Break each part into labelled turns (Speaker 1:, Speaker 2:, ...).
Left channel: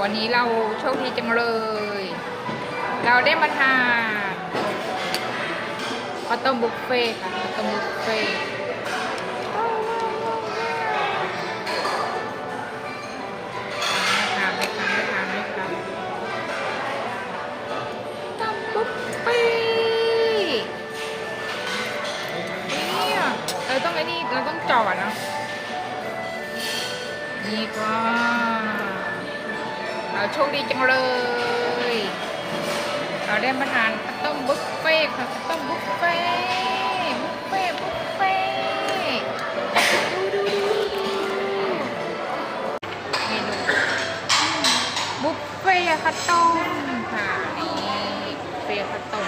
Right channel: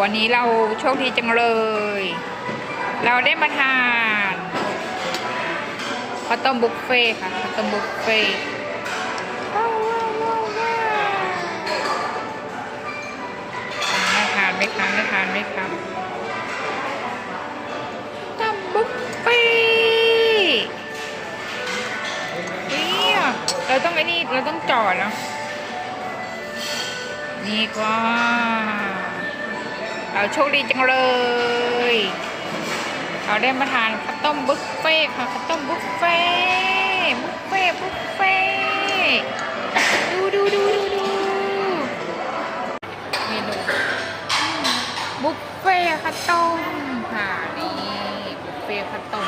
Speaker 1: วันนี้เราโชคดีจังเลย เราได้มาทานข้าวต้มบุฟเฟ่ค่ะข้าวต้มบุฟเฟ่ไม่ทานไม่ทานไม่ทานไม่ทานต้มบุฟเฟ่เนี่ยเราต้องไอ้นี่เราต้องจอดเนาะนี่ก็ เราโชคดีจังเลย เราได้มาทานข้าวต้มบุฟเฟ่ค่ะข้าวต้มบุฟเฟ่บุฟเฟ่บุฟเฟ่ดูดูดูดูนี่ดูบุฟเฟ่ข้าวต้มค่ะนี่บุฟเฟ่ต์ข้าวต้ม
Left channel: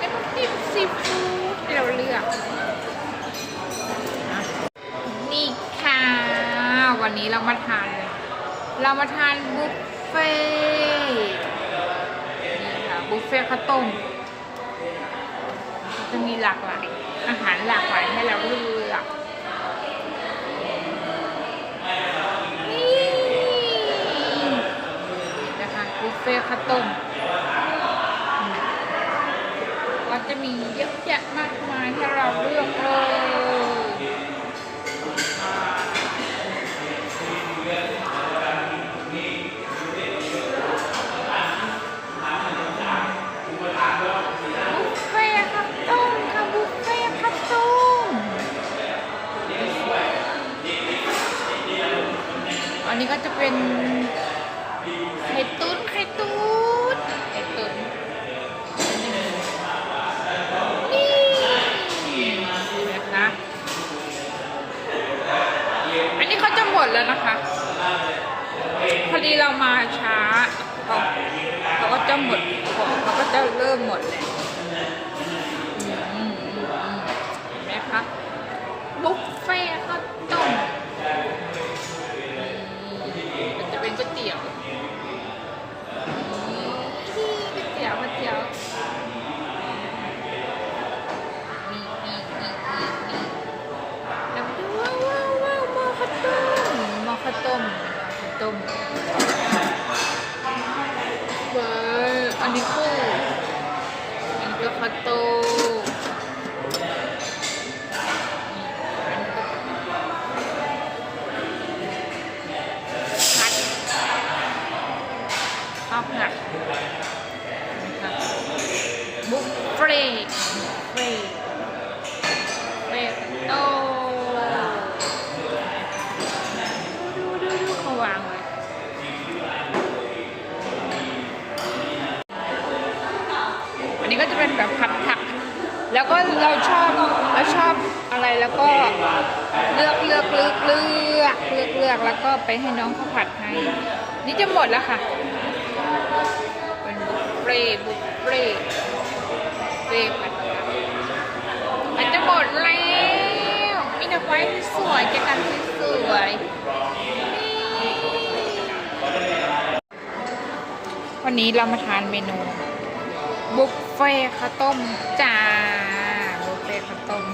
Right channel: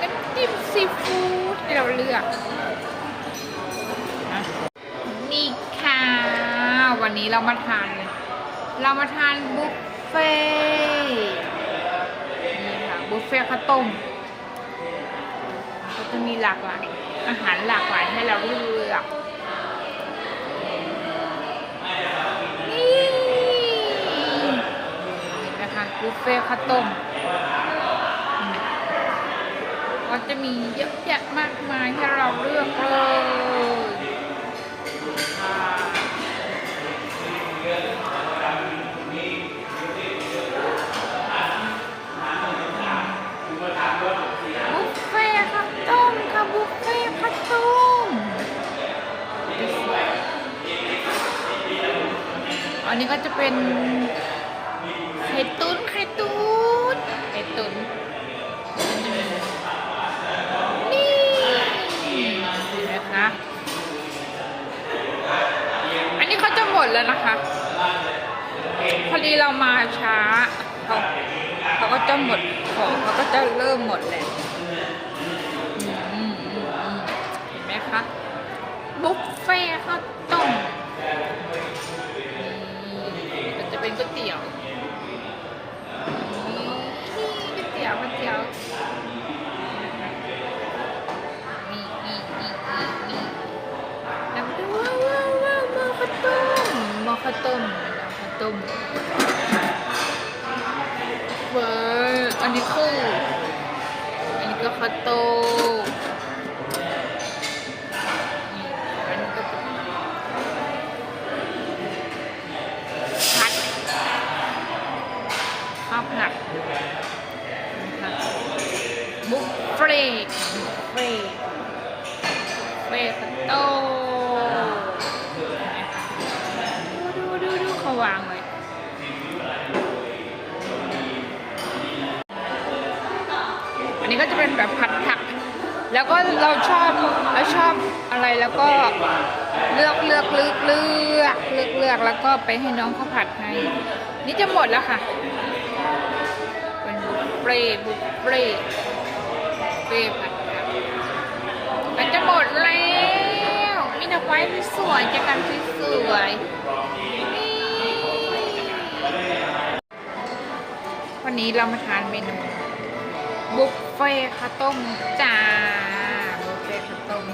Speaker 1: น้ำจิ้มซีฟู้ด วันนี้เรามาทานเลย เรามาทานบุฟเฟ่ต์นี่ค่ะบุฟเฟ่ต์ข้าวต้มก็จะมีหลากหลายอาหารหลากหลายให้เราเลือกนี่นะคะบุฟเฟ่ต์ข้าวต้มอืมก็จะมีเยอะแยะมากมายให้เราเลือกเลย นนี้ก็จะเป็นไข่ตุ๋นไข่ตุ๋นไข่ตุ๋นนี่นะคะอันนี้เขาจะหมดแล้วนะคะ พอดีเรามาช้าเขาเขาก็จะหมดของเขาก็จะเริ่มหมดเลยอืมอืมอืมอืมเห็นไหมคะบุฟเฟ่ต์ข้าวต้มนี่มันจะ เป็นก๋วยเตี๋ยวนี่ก๋วยเตี๋ยวก๋วยเตี๋ยวนี่นี่นี่นี่นี่แล้วดูว้าวว้าวว้าวมอข้าวต้มมอข้าวต้มมอข้าวต้มเบอร์อันนี้คืออันนี้ก็คาโต้อั บุฟเฟ่ต์บุฟเฟ่ต์เฟ่ต์คาโตดูดูดูเขาวางไว้อันนี้ก็จะเป็นแบบผัดผัก แล้วก็เราชอบเราชอบอะไรแล้วก็เลือกเลือกเลือกเลือกเลือกเลือกแล้วก็ไปให้น้องเขาผัดให้นี่จะหมดแล้วค่ะ ฟ่บุฟเฟ่ต์เฟ่ต์ผัดผักมันจะหมดแล้วมีแต่ไว้สวยจะกันสวยวันนี้เรามาทานเมนูบุฟเฟ่ต์ข้าวต้มจ้าบุฟเฟ่ต์ข้าวต้ม